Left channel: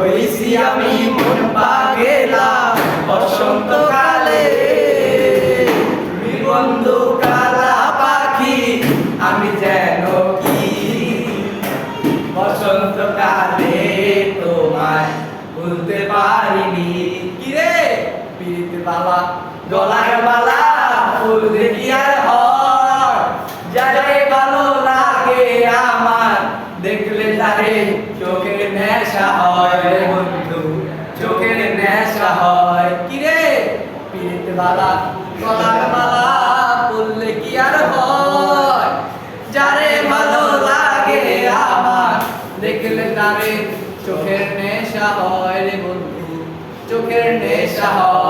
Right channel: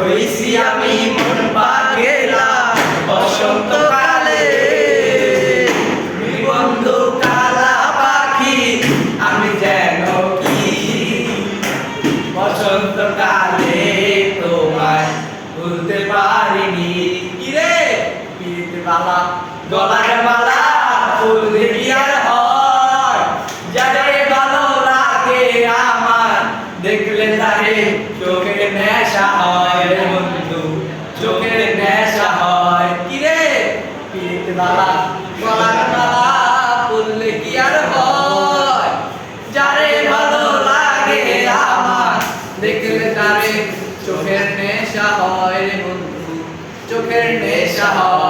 হইছি আমি মন পাগেলা। বসন্তকালে তুমি বন্ধু কালা পাখি, আমি যেন কি? বসন্তকালে তোমায় ভুলতে পারিনি। কিরে? পিড়িতে বালা, গলার বালা, ফুল দেখি নেশা হয় বন্ধু, চোখের নেশা হয়। বালা, বললে কি আর হয়? যারে ভালো লাগে আমার, দেখলে তারে চোখের নেশা হয় রে বন্ধু, চোখের নেশা হয়।